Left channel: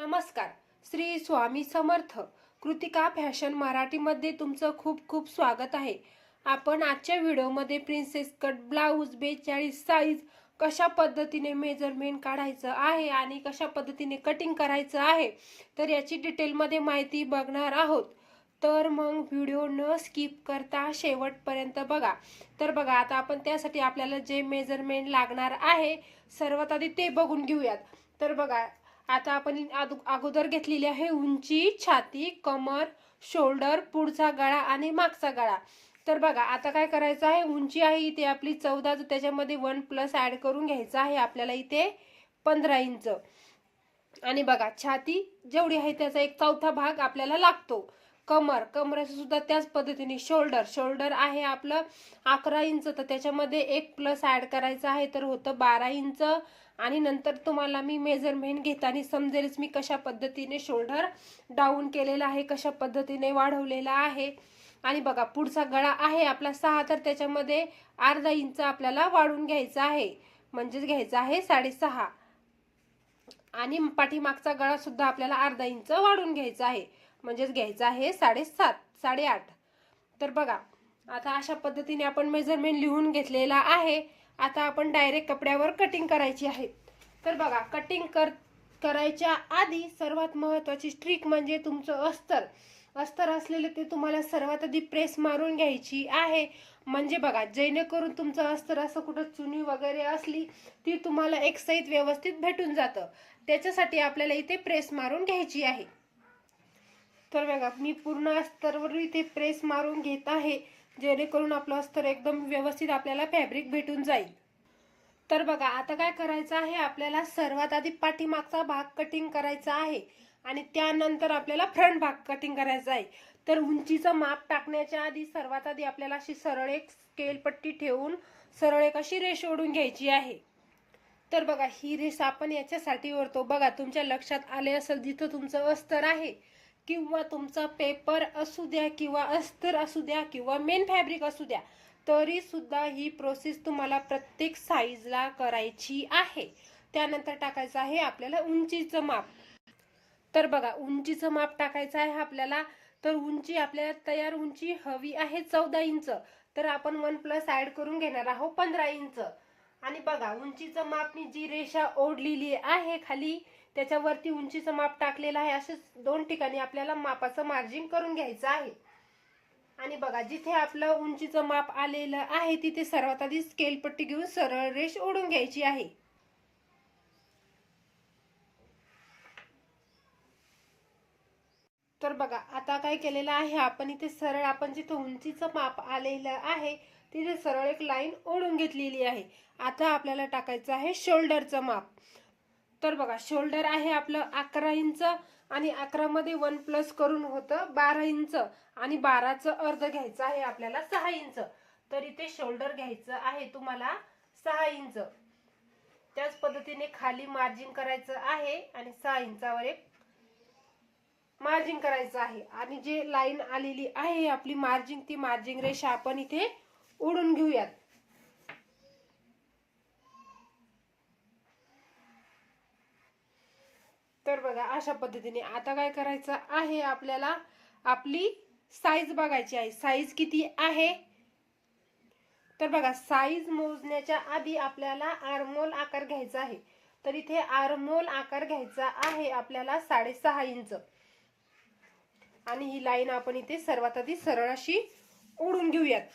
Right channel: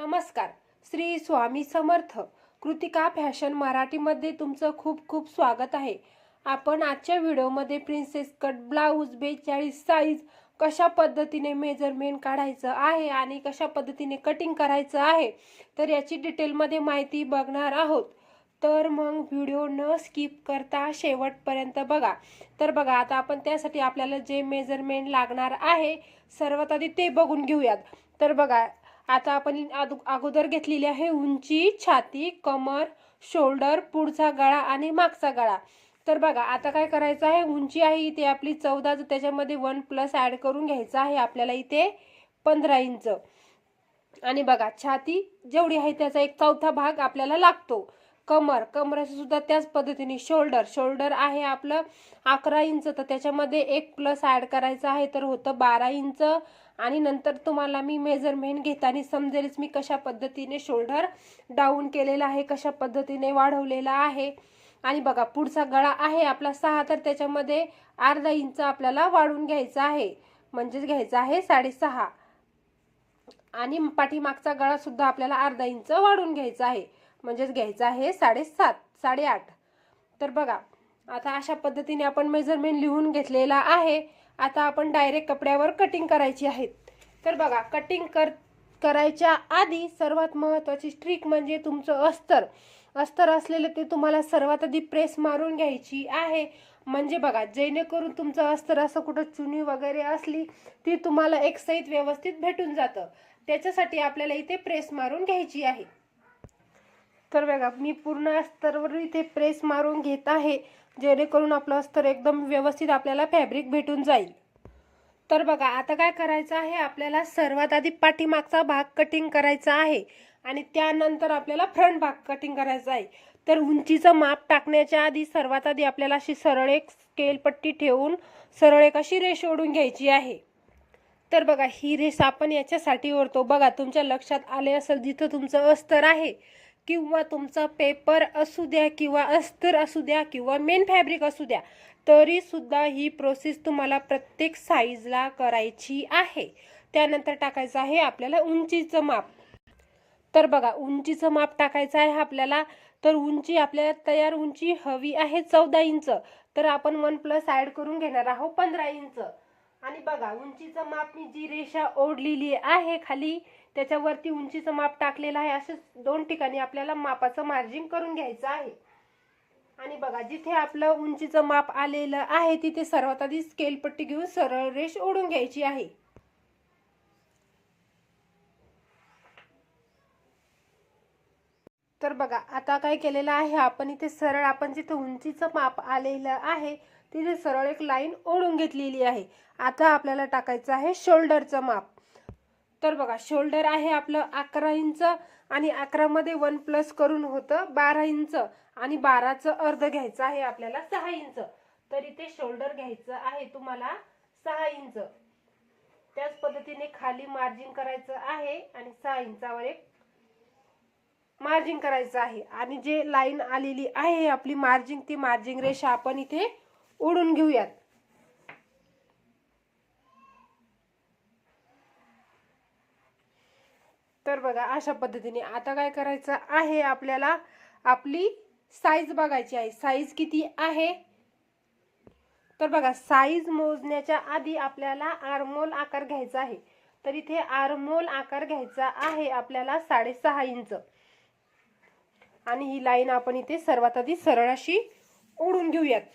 नमस्कार. श्री स्वामी समर्थ कृतिका फॅशन मराठीमध्ये तुमचं खूप खूप स्वागत आहे. आपण आजच्या व्हिडिओमध्ये प्रिन्सेस कट ब्लाऊज बेचाळीस साईज कशा पद्धतीने मेजरमेंट काढायचं आहे आणि कशा पद्धतीने कटिंग करायचं आहे तर याची डिटेलमध्ये माहिती बघणार आहोत. तर मग व्हिडिओ न स्किप करता शेवटपर्यंत बघा. तर बघा आता आपण त्यासाठी आपल्याला जे मेजरमेंट लागणार आहे सर्वात आधी ते बघून घेऊयात. तर बघा आता आपण अगोदर घेतलेली आहे उंची छाती कमर शोल्डर पुढचा गळा आणि मागचा गळा. तर बघा आता काय करायचं आहे? उंची आहे इथे आपली चौदा तर त्याच्यामध्ये वन प्लस ऍड करून घ्यायचं आहे आपल्याला इथे पंधरा इंच. आणि बघा छाती जेवढी आहे त्याचा एक चौथा भाग आपल्याला लागतो. कमर कमराचं सुद्धा त्याच पद्धतीने. शोल्डर शोल्डर आहे आपलं अकरा इंच तर त्याच्यामध्ये एक प्लस ऍड करायचं आहे तर होतं बारा इंच. आणि नंतर तुम्हाला मी मेजरमेंट घेताना समजेलच मी कशा पद्धतीने शोल्डर डाऊन केलेला आहे कशा पद्धतीने वाढवलेला आहे. आणि बघा पुढचा गळा आहे आपला सहा तर त्याच्यामध्ये अर्धा इंच आपल्याला वाढून घ्यायचा आहे. म्हणजेच घ्यायचा आहे साडेसहा. आणि पाठीमागचा गळा सुद्धा आपल्याला अर्धा इंच वाढून घ्यायचा आहे. म्हणजेच घ्यायचा आहे साडेसात साडेआठ. तर बघा आता अशा पद्धतीने आपण मेजरमेंट लिहून घेतलेला आहे. आता आपण डायरेक्ट कपड्यावर कटिंग करायची आहे. तर बघा कटिंग कर करायच्या आधी सर्वात महत्त्वाची ट्रिक म्हणजे तुमचं अस्तर. अस्तर असलेलं ते तुम्हाला सर्वात आधी प्रेस मारून घ्यायची आहे. म्हणजे बघा जेणेकरून तुमचं अस्तर असं कुठं चुनी वगैरे असली ती तुम्हाला एक सहित व्यवस्थित भेटून जातं. त्याच्यासाठी आपल्याला इथे प्रेस मारून घ्यायची आहे. तर बघा मी पूर्ण अस्तरवर इथे प्रेस मारून घेत आहे. जेणेकरून आपलं अस्तर एकदम व्यवस्थित आपल्याला फॅब्रिक भेटून जाईल. तर बघा आता काय करायचं आहे? आपल्याला सर्वात आधी पाठीमागचा भाग कटिंग करायचा आहे आणि त्यानंतर आपल्याला फ्रंट भाग कटिंग करायचा आहे. तर उंचीचं माप टाकण्याच्या आधी सर्वात आधी आपल्याला अशी सरळ एक स्केल पट्टी ठेवून सरळ एक अशी रेष ओढून घ्यायची आहे. तर बघा ही रेष आपण याच्यासाठी ओढतो. बघा तुमच्या लक्षात आले असेल जिथं तुमचं अस्तर आहे. किंवा तुमचा पेपर असू द्या किंवा अस्तर असू द्या किंवा मेन फॅब्रिक असू द्या तरी सुद्धा ही प्रोसेस तुम्हाला प्रत्येक साईजला करायची आहे. त्यानंतर टाकायचं आहे आपल्याला उंचीचं माप. तर बघा उंचीचं माप टाकायचं आहे आपल्याला. तर उंची आपल्याला तयार उंची हवी आहे चौदा इंच. तर आपण वन प्लस ॲड करून घेणार आहोत पंधरा इंच. आणि बघा उंचीचं माप मी जी रेषा ओढलेली आहे खाली त्याच्यावरती उंचीचं माप टाकलेलं आहे. असं दोन ठिकाणी आपल्याला मापाचं मार्जिन करून घ्यायचं आहे. आणि बघा जिथे आपलं उंचीचं माप आलेलं आहे तिथे सर्वात आधी स्केल पट्टी घेऊन सरळ रेष ओढून घ्यायची आहे. तर बघा आता काय केलेलं आहे आपण इथे सरळ आपण जिथे उंचीचं माप आलेलं आहे तिथे सरळ एक लाईन ओढून घेतलेली आहे. आता आपल्याला टाकायचं आहे शोल्डरचं माप. तर बघा शोल्डर आहे आपलं अकरा इंच आणि अकरामध्ये वन प्लस करून होतं बारा इंच आणि बाराचं अर्ध घ्यायचं आहे आपल्याला सहा इंच. तर इथे शोल्डर घ्यायचं आहे तुम्हाला सहा इंच. त्याच पद्धतीने खाली मार्जिन करायचं आहे आणि सहा इंचावर एक मार्जिन करायचं आहे. आणि जे लाईन आलेली आहे आपली मार्जिन ती मार्जिन रेषा आपण इथे ओढून घेऊयात. तर बघा अशा पद्धतीने आता काय करायचं आहे आपल्याला? आपली साईज बघायची आहे. साईज किती आहे? तर बघा साईज मोजण्याच्या आधी आपल्याला आरमोल आकार घ्यायचा आहे. तर इथे आरमोल आकार घ्यायचा आहे आपल्याला साडेसहा इंच. आणि ही लाईन आपण इथे सर्वात आधी सरळ अशी ओढून घेऊयात.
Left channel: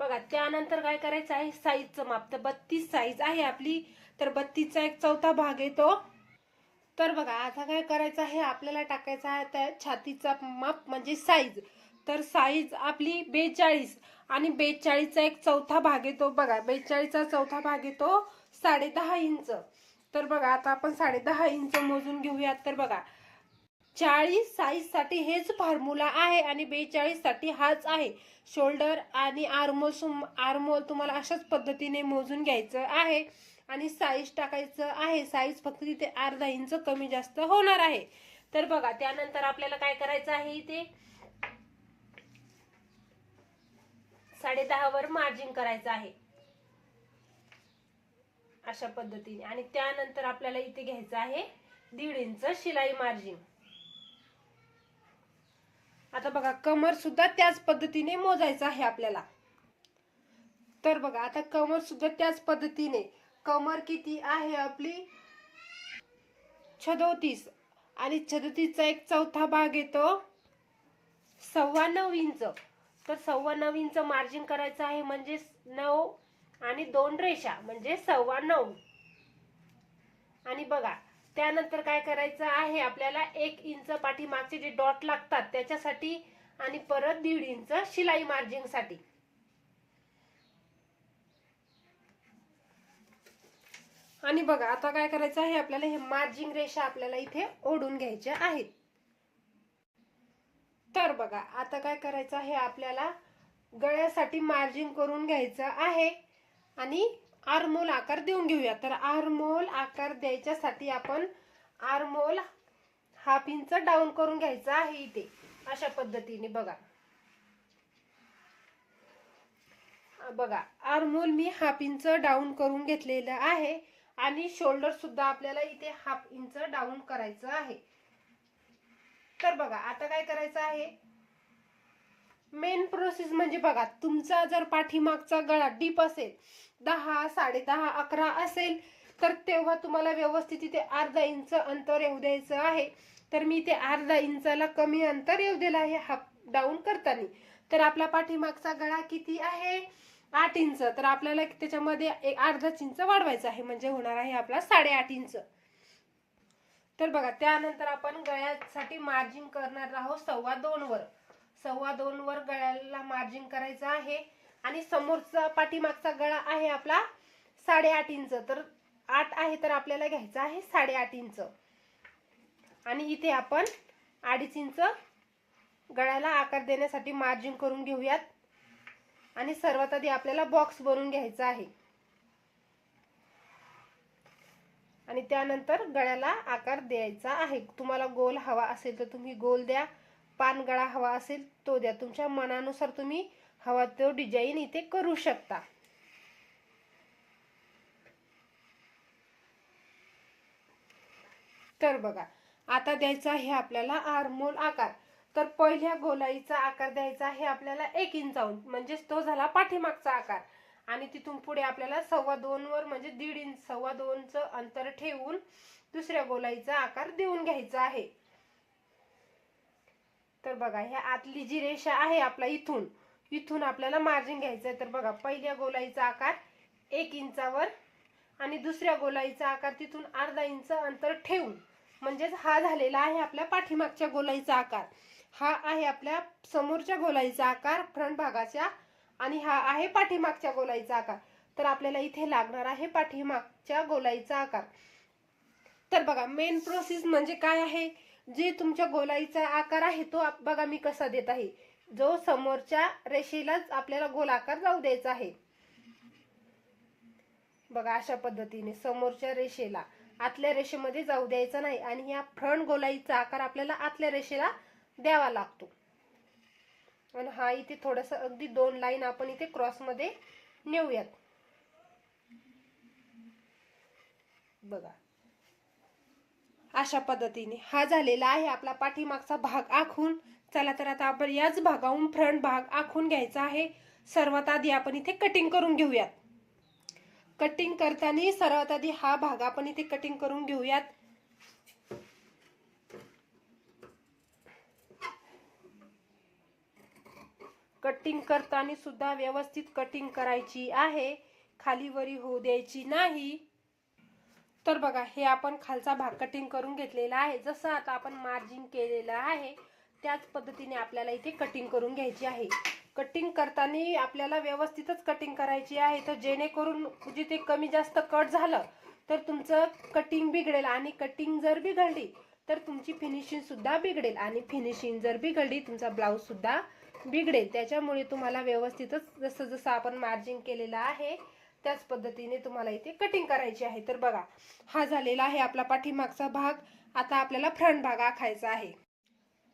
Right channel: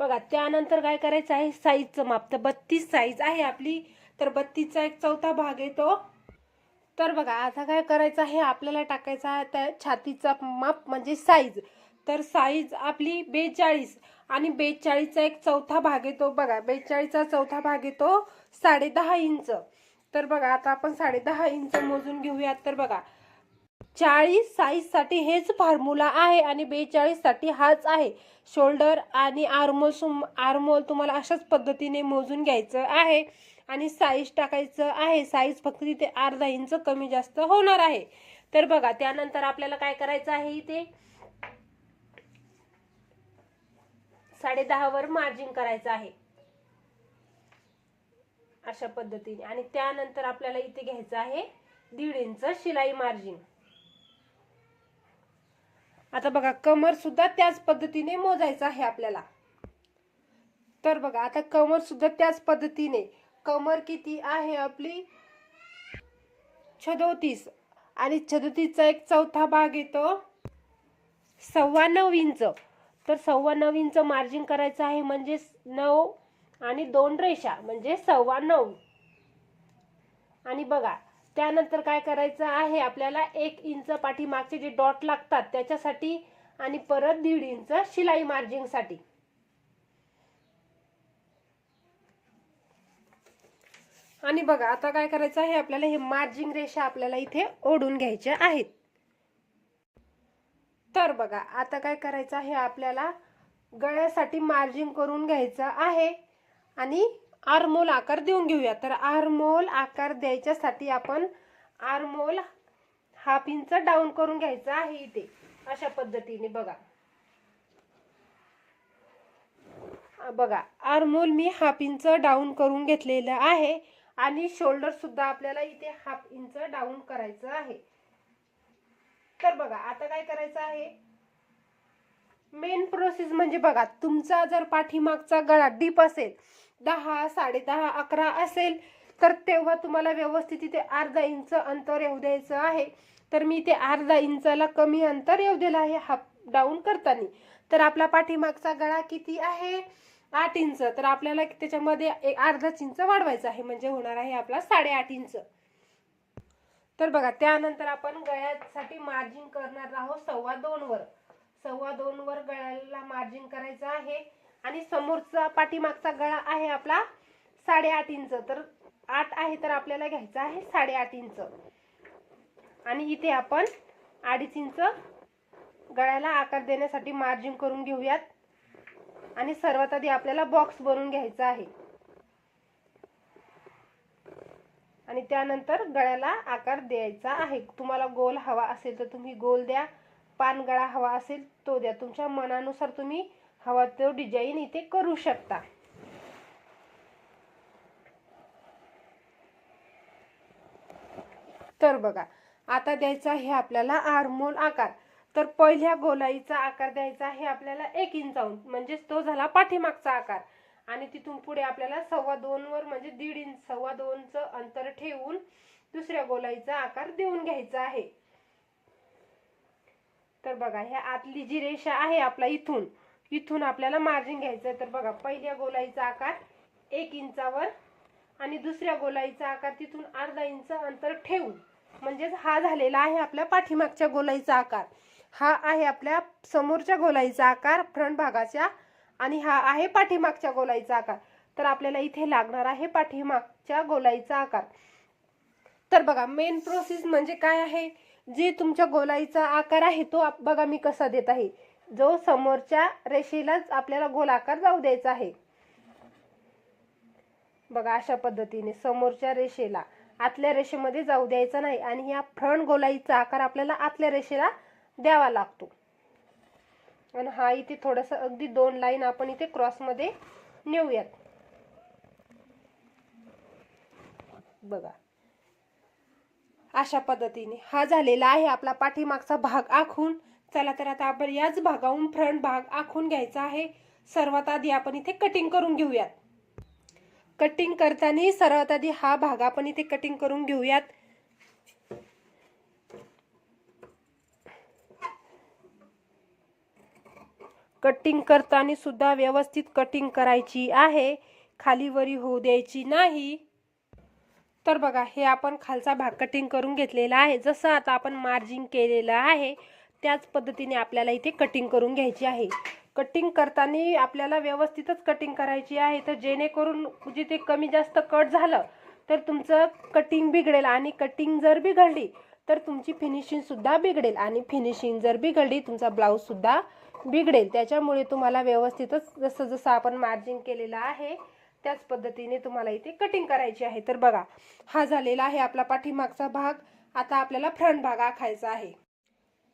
बघा त्यानंतर काय करायचं आहे? साईजचं माप. तर बत्तीस साईज आहे आपली. तर बत्तीसचा एक चौथा भाग येतो तर बघा आता काय करायचं आहे? आपल्याला टाकायचा आहे त्या छातीचा माप म्हणजे साईज. तर साईज आपली बेचाळीस आणि बेचाळीसचा एक चौथा भाग येतो बघा बेचाळीसचा चौथा भाग येतो साडे दहा इंच. तर बघा आता आपण साडे दहा इंच मोजून घेऊयात. तर बघा चाळीस साईजसाठी हेच फॉर्म्युला आहे आणि बेचाळीससाठी हाच आहे. शोल्डर आणि आर्मोल सुम आर्मोल तुम्हाला अशाच पद्धतीने मोजून घ्यायचं आहे. आणि साईज टाकायचं आहे. साईज फक्त तिथे अर्धा इंच कमी जास्त होणार आहे. तर बघा त्यानंतर आपल्याला काय करायचं आहे इथे? साडे वर मार्जिन करायचं आहे. अशा पद्धतीने. आणि त्यानंतर आपल्याला इथे घ्यायचं आहे दीड इंच शिलाई मार्जिन आता बघा कमर सुद्धा त्याच पद्धतीने मोजायचं आहे आपल्याला. तर बघा आता कमर सुद्धा त्याच पद्धतीने. कमर किती आहे आपली? छदोतीस. आणि छदोतीसचा एक चौथा भाग येतो सव्वा नऊ इंच. तर सव्वा नऊ इंच मार्जिन करायचं आहे म्हणजे नऊ आणि दोन रेषा म्हणजे सव्वा नऊ आणि बघा त्यानंतर काय करायचं आहे आपल्याला एक इंच पाठीमागचे जे डॉट लागतात त्याच्यासाठी आणि परत दीड इंच शिलाई मार्जिंगसाठी आणि बघा आता काय करायचं आहे आपल्याला हे मार्जिंग रेषा आपल्याला इथे ओढून घ्यायच्या आहेत. तर बघा आता काय करायचं आहे आपल्याला गळ्यासाठी मार्जिन करून घ्यायचं आहे. आणि आरमोल आकार देऊन घेऊया. तर आरमोल आकार द्यायच्यासाठी आपण आरमोल हाफ इंच डाऊन करून घ्यायचं आहे इथे. अशा पद्धतीने बघा. बघा आरमोल मी हाफ इंच डाऊन करून घेतलेलं आहे आणि शोल्डर सुद्धा आपल्याला इथे हाफ इंच डाऊन करायचं आहे. तर बघा आता काय करायचं आहे? मेन प्रोसेस म्हणजे बघा तुमचा जर पाठीमागचा गळा डीप असेल दहा साडेदहा अकरा असेल तर तेव्हा तुम्हाला व्यवस्थित इथे अर्धा इंच अंतर येऊ द्यायचं आहे. तर मी इथे अर्धा इंचाला कमी अंतर येऊ दिलं आहे हाफ डाऊन करताना. तर आपला पाठीमागचा गळा किती आहे? आठ इंच. तर आपल्याला त्याच्यामध्ये एक अर्धाच इंच वाढवायचं आहे म्हणजे होणार आहे आपला साडेआठ इंच. तर बघा त्यानंतर आपण गळ्यासाठी मार्जिन करणार आहोत सव्वा दोन वर सव्वा दोन वर गळ्याला मार्जिन करायचं आहे. आणि समोरचा पाठीमागचा गळा आहे आपला साडेआठ इंच. तर आठ आहे तर आपल्याला घ्यायचं आहे साडेआठ इंच. आणि इथे आपण अडीच इंच गळ्याला आकार देण्यासाठी मार्जिन करून घेऊयात. आणि सर्वात आधी आपल्याला बॉक्स बनवून घ्यायचा आहे. आणि त्यानंतर गळ्याला आकार द्यायचा आहे. तुम्हाला गोल हवा असेल तर तुम्ही गोल द्या. पान गळा हवा असेल तो द्या. तुमच्या मनानुसार तुम्ही हवा तो डिझाईन इथे करू शकता. तर बघा आता द्यायचा आहे आपल्याला आरमोल आकार. तर पहिल्या गोलाईचा आकार द्यायचा आहे आपल्याला एक इंचाहून म्हणजेच तो झाला पाठीमागचा आकार. आणि तिथून पुढे आपल्याला सव्वा दोन वर म्हणजे दीड इंच सव्वा दोनचं अंतर ठेवून दुसऱ्या गोलाईचा आकार देऊन घ्यायचा आहे. तर बघा ह्या आतली जी रेषा आहे आपला इथून इथून आपल्याला मार्जिन घ्यायचं आहे तर बघा पहिल्या गोलाईचा आकार एक इंचावर आणि दुसऱ्या गोलाईचा आकार तिथून अर्धा इंच अंतर ठेवून म्हणजेच हा झालेला आहे आपल्या पाठीमागच्या गोलाईचा आकार. हा आहे आपल्या समोरच्या गोलाईचा आकार फ्रंट भागाच्या आणि हा आहे पाठीमागच्या गोलाईचा आकार. तर आपल्याला इथे लागणार आहे पाठीमागच्या गोलाईचा आकार. तर बघा मेन प्रोसेस म्हणजे काय आहे? जे तुमच्या गोलाईचा आकार आहे तो आप- बघा मी कसा देत आहे. जो समोरच्या रेषेलाच आपल्याला गोलाकार जाऊ द्यायचा आहे. बघा अशा पद्धतीने समोरच्या रेषेला आतल्या रेषेमध्ये जाऊ द्यायचा नाही आणि या फ्रंट गोलाईचा आकार आपल्याला आतल्या रेषेला द्यावा लागतो. आणि हा इथे थोडस अगदी दोन लाईन आपण इथे क्रॉसमध्ये नेऊयात. बघा. अशा पद्धतीने हा झालेला आहे आपला पाठीमागचा भाग आखून. चला तर आता आपण याच भागाहून फ्रंट भाग आखून घ्यायचा आहे. सर्वात आधी आपण इथे कटिंग करून घेऊयात. कटिंग करताना सर्वात आधी हा भाग आपण इथे कटिंग करून घेऊयात. कटिंग करताना सुद्धा व्यवस्थित कटिंग करायची आहे. खालीवरी होऊ द्यायची नाही. तर बघा हे आपण खालचा भाग कटिंग करून घेतलेला आहे. जसं आता आपण मार्जिन केलेलं आहे त्याच पद्धतीने आपल्याला इथे कटिंग करून घ्यायची आहे. कटिंग करताना आपल्याला व्यवस्थितच कटिंग करायची आहे. तर जेणेकरून म्हणजे जिथे कमी जास्त कट झालं तर तुमचं कटिंग बिघडेल आणि कटिंग जर बिघडली तर तुमची फिनिशिंगसुद्धा बिघडेल आणि फिनिशिंग जर बिघडली तुमचा ब्लाऊजसुद्धा बिघडेल. त्याच्यामुळे तुम्हाला व्यवस्थितच जसं जसं आपण मार्जिन केलेलं आहे त्याच पद्धतीने तुम्हाला इथे कटिंग करायची आहे. तर बघा हा झालेला आहे आपला पाठीमागचा भाग. आता आपल्याला फ्रंट भाग आखायचा आहे.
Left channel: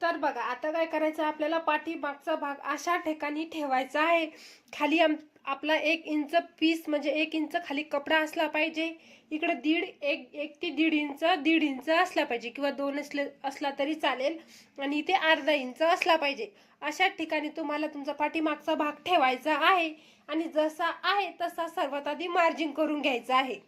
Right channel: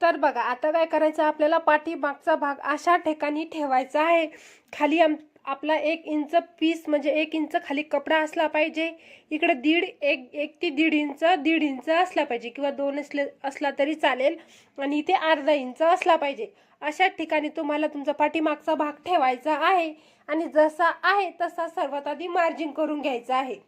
तर बघा आता काय करायचं? आपल्याला पाठीमागचा भाग अशा ठिकाणी ठेवायचा आहे. खाली आम आपला एक इंच पीस म्हणजे एक इंच खाली कपडा असला पाहिजे. इकडे दीड एक एक ते दीड इंच दीड इंच असला पाहिजे किंवा दोन असले असला तरी चालेल. आणि इथे अर्धा इंच असला पाहिजे. अशा ठिकाणी तुम्हाला तुमचा पाठीमागचा भाग ठेवायचा आहे. आणि जसा आहे तसा सर्वात आधी मार्जिन करून घ्यायचा आहे.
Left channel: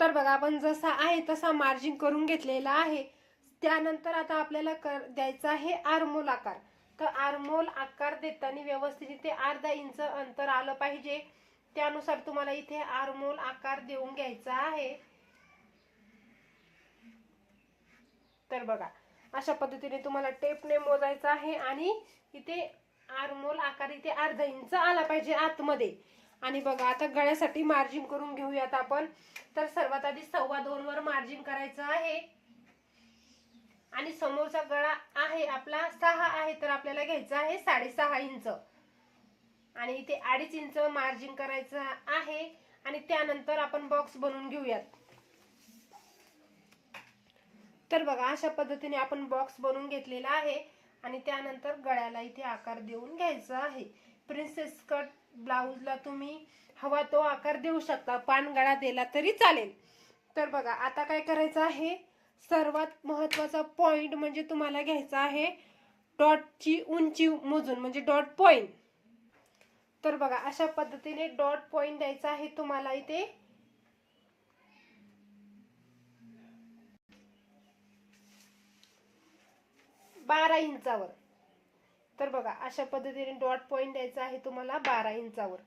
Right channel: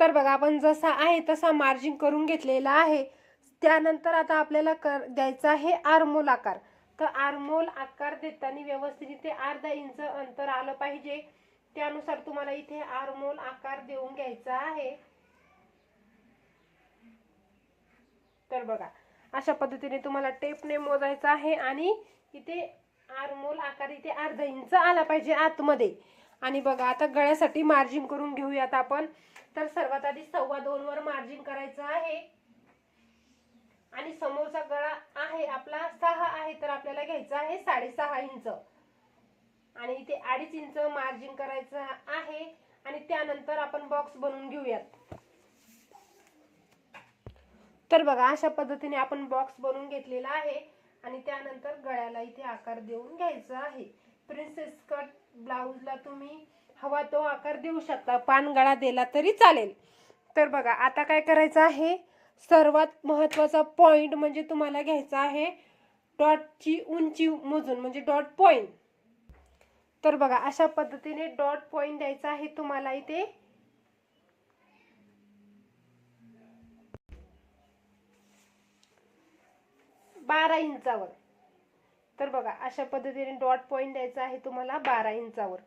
तर बघा आपण जसा आहे तसा मार्जिन करून घेतलेला आहे. त्यानंतर आता आपल्याला कर द्यायचा आहे आरमोल आकार. तर आरमोल आकार देताना व्यवस्थित इथे अर्धा इंच अंतर आलं पाहिजे. त्यानुसार तुम्हाला इथे आरमोल आकार देऊन घ्यायचा आहे. तर बघा अशा पद्धतीने तुम्हाला टेपने मोजायचं आहे आणि इथे आरमोल आकार इथे अर्धा इंच आला पाहिजे आतमध्ये. आणि बघा आता गळ्यासाठी मार्जिन करून घेऊयात आपण. तर सर्वात आधी सव्वा दोन वर मार्जिन करायचं आहे. आणि समोरचा गळा आहे आपला सहा आहे तर आपल्याला घ्यायचा आहे साडेसहा इंच. आणि इथे अडीच इंच मार्जिन करायचं आहे आणि त्यानंतर आपण बॉक्स बनवून घेऊयात. तर बघा अशा पद्धतीने आपण बॉक्स बनवून घेतलेला आहे आणि त्यानंतर गळ्याला इथे आकार देऊन घ्यायचा आहे. प्रिन्सेस कट ब्लाऊजला तुम्ही हवा तो आकार देऊ शकता पान गळा दिला तरी चालेल. तर बघा आता काय करायचं आहे? सर्वात महत्त्वाचा पॉइंट म्हणजे तुम्हाला घ्यायचा आहे डॉटची उंची मोजून म्हणजे डॉट पॉईंट तर बघा अशा पद्धतीने डॉट पॉईंट द्यायचा आहे तुम्हाला इथे. बारा इंचावर. तर बघा अशा पद्धतीने डॉट पॉईंट द्यायचा आहे तुम्हाला बारा इंचावर.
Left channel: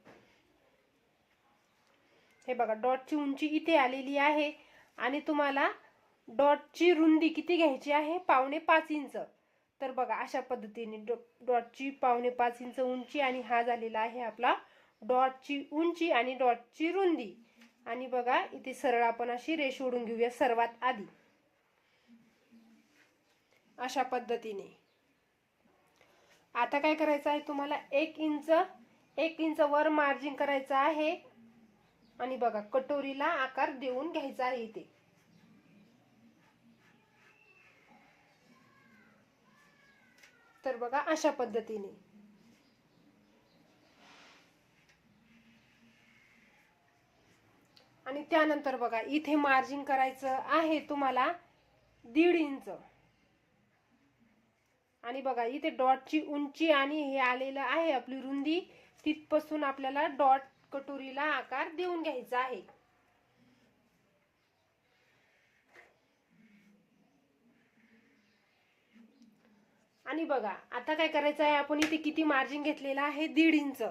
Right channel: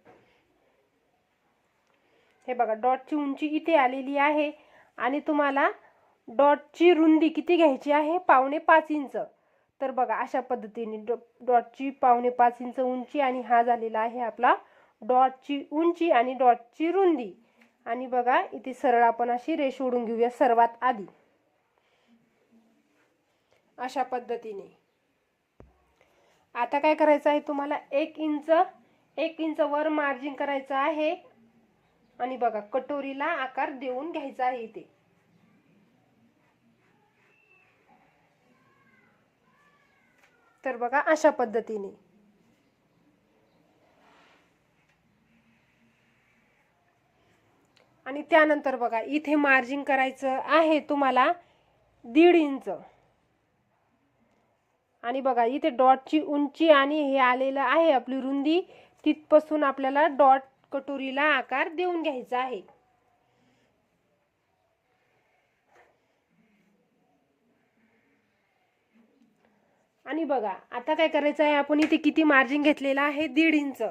हे बघा डॉटची उंची इथे आलेली आहे आणि तुम्हाला डॉटची रुंदी किती घ्यायची आहे? पावणे पाच इंच. तर बघा अशा पद्धतीने डॉ डॉटची पावणे पाच इंच उंची आणि हा झालेला आहे आपला डॉटची उंची आणि डॉटची रुंदी. आणि बघा इथे सरळ आपण अशी रेष ओढून घेऊया सर्वात आधी. अशा पद्धतीने. आता काय करायचं आहे तुम्हाला? एक इंच एक इंच वर मार्जिन करायचं आहे. आणि बघा कटोरीला आकार देऊन घ्यायचा आहे इथे. तर बघा अशा पद्धतीने. आणि त्यानंतर बघा इथे मार्जिन करायचं आहे तुम्हाला दीड इंच. आणि बघा इथे डॉटची उंची आणि हे आलेलं आहे आपली रुंदी. तिथपासून आपल्याला डॉट कटोरीला आकार देऊन घ्यायचा आहे. आणि बघा आता काय करायचं आहे आपण इथे किती मार्जिन घेतलेलं आहे? दीड इंच.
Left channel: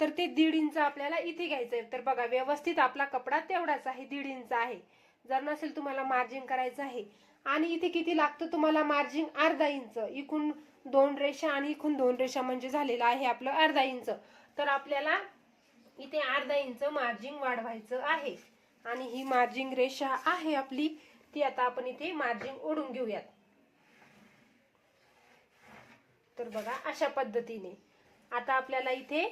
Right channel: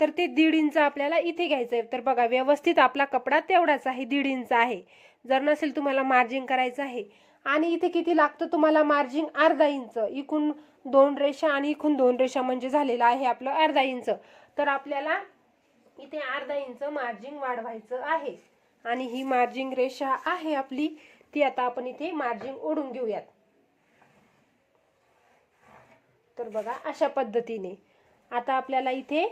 तर ते दीड इंच आपल्याला इथे घ्यायचं आहे. तर बघा व्यवस्थित आपला कपडा तेवढाच आहे दीड इंच आहे. जर नसेल तुम्हाला मार्जिन करायचं आहे. आणि इथे किती लागतं तुम्हाला मार्जिन अर्धा इंच. इकून दोन रेषा आणि इकून दोन रेषा म्हणजे झालेलं आहे आपलं अर्धा इंच. तर आपल्याला इथे अर्धा इंच मार्जिन वाढवायचं आहे. आणि ही मार्जिन रेषा आहे आपली. ती आता आपण इथे मार्जिन ओढून घेऊयात. तर बघा अशा पद्धतीने. आता आपल्याला इथे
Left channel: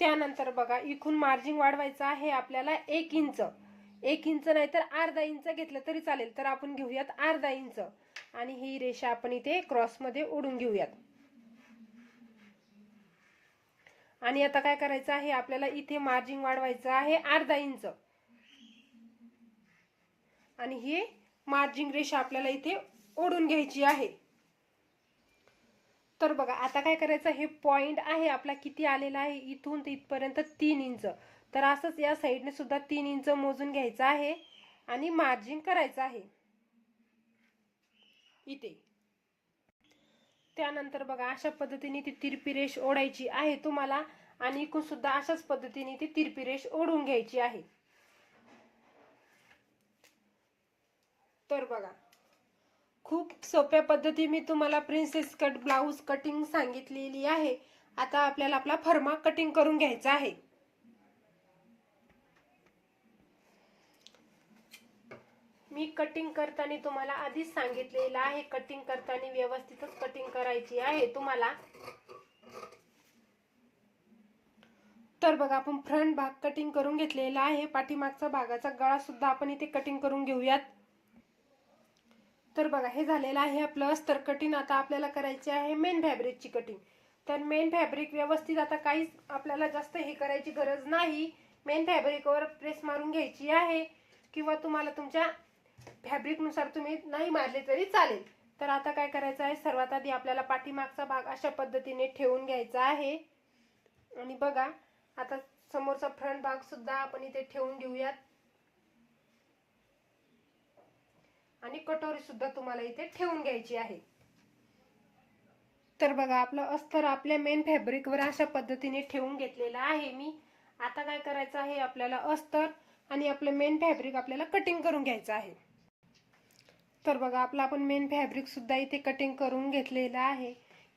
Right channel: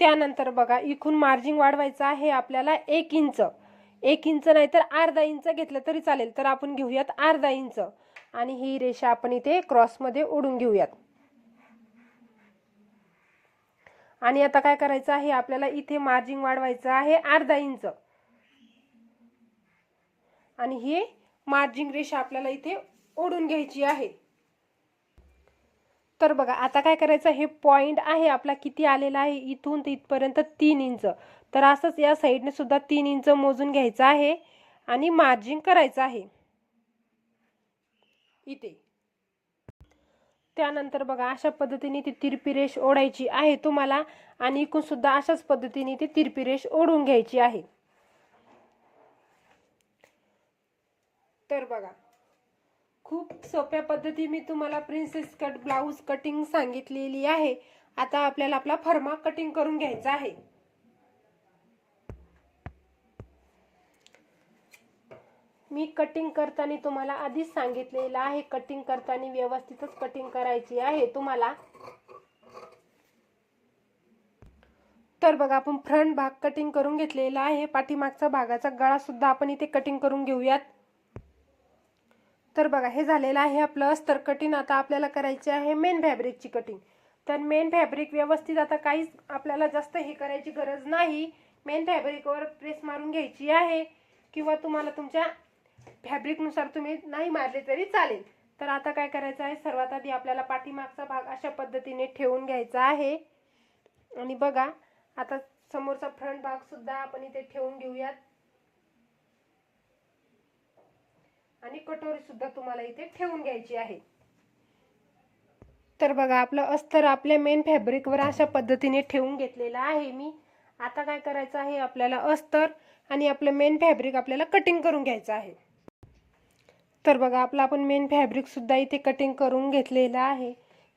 त्यानंतर बघा इथून मार्जिन वाढवायचं आहे आपल्याला एक इंच एक इंच नाही तर अर्धा इंच घेतलं तरी चालेल. तर आपण घेऊयात अर्धा इंच आणि ही रेषा आपण इथे क्रॉसमध्ये ओढून घेऊयात. आणि आता काय करायचं आहे? आपल्याला इथे मार्जिन वाढवायचं आहे अर्धा इंच आणि ही मार्जिन रेषा आपल्याला इथे ओढून घ्यायची आहे. तर बघा आता काय करायचं? हे पॉइंट आहे आपला. किती आलेला आहे? इथून ते इथपर्यंत तीन इंच. तर असंच या साईडने सुद्धा तीन इंच मोजून घ्यायचं आहे आणि मार्जिन करायचं आहे. इथे. त्यानंतर बघा अशा पद्धतीने ती तिरपी रेष ओढायची आहे तुम्हाला आणि इकून सुद्धा अशाच पद्धतीने ती तिरपी रेष ओढून घ्यायची आहे. तर बघा खूप सोप्या पद्धती मी तुम्हाला प्रिन्सेस कट ब्लाऊज कटिंग सांगितलेली आहे. आता आपल्याला आपला फर्मा कटिंग करून घ्यायचा आहे. मी कटिंग करताना तुम्हाला आधीच सांगितलेलं आहे कटिंग करताना व्यवस्थितच कटिंग करायची आहे तुम्हाला. तर बघा आपण फ्रंट भाग कटिंग करून घेतलेला आहे. पाठीमागचा भागाचा गळा सुद्धा आपण इथे कटिंग करून घेऊयात. तर बघा हे झालेलं आहे आपलं अस्तर कटिंग आता आपल्याला करायची आहे मेन फॅब्रिकची कटिंग तर मेन फॅब्रिक व्यवस्थित आता काहीच आपल्याला जास्त हे करायची गरज नाही. मेन फॅब्रिकवर प्रेस मारून घ्यायची आहे. किंवा तुम्हाला तुमच्या फॅब्रिकनुसार तुम्ही नाही मारले तरी चालेल. तर आता काय करायचं आहे? सर्वात आधी आपल्याला पाठीमागचा भाग अशा पद्धतीने ठेवून घ्यायचा आहे. आणि बघा आता समोरचा फ्रंट भाग सुद्धा आपण इथे ठेवून घेऊयात. आणि कटोरी सुद्धा तुम्हाला इथे ठेवून घ्यायची आहे. तर बघा आपलं अस्तर आपल्या मेन फॅब्रिकवर अशा पद्धतीने ठेवून घेतलेलं आहे मी. आता काय करायचं आहे आपल्याला अस्तर आणि आपलं मेन फॅब्रिक आपल्याला कटिंग करून घ्यायचं आहे. तर बघा आपलं आपण मेन फॅब्रिक सुद्धा इथे कटिंग करून घेतलेलं आहे.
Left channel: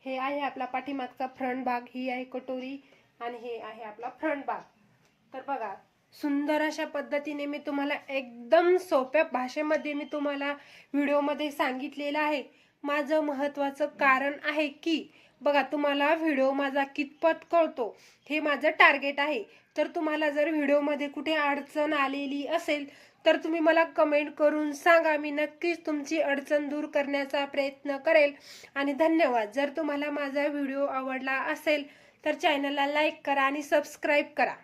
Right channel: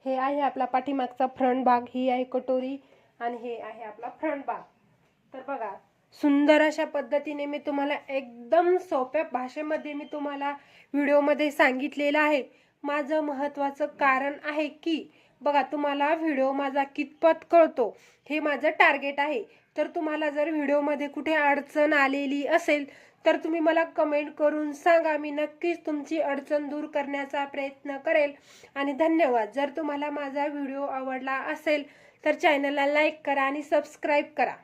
हे आहे आपला पाठीमागचा फ्रंट भाग ही आहे कटोरी आणि हे आहे आपला फ्रंट भाग. तर बघा सुंदर अशा पद्धतीने मी तुम्हाला एकदम सोप्या भाषेमध्ये मी तुम्हाला व्हिडिओमध्ये सांगितलेलं आहे. माझं महत्त्वाचं कारण आहे की बघा तुम्हाला व्हिडिओ माझा कितपत कळतो हे माझं टार्गेट आहे. तर तुम्हाला जर व्हिडिओमध्ये कुठे अडचण आलेली असेल तर तुम्ही मला कमेंट करून सांगा. मी नक्कीच तुमची अडचण दूर करण्याचा प्रयत्न करेल. आणि धन्यवाद. जर तुम्हाला माझा व्हिडिओ आवडला असेल तर चॅनलला लाईक करा आणि सबस्क्राईब करा.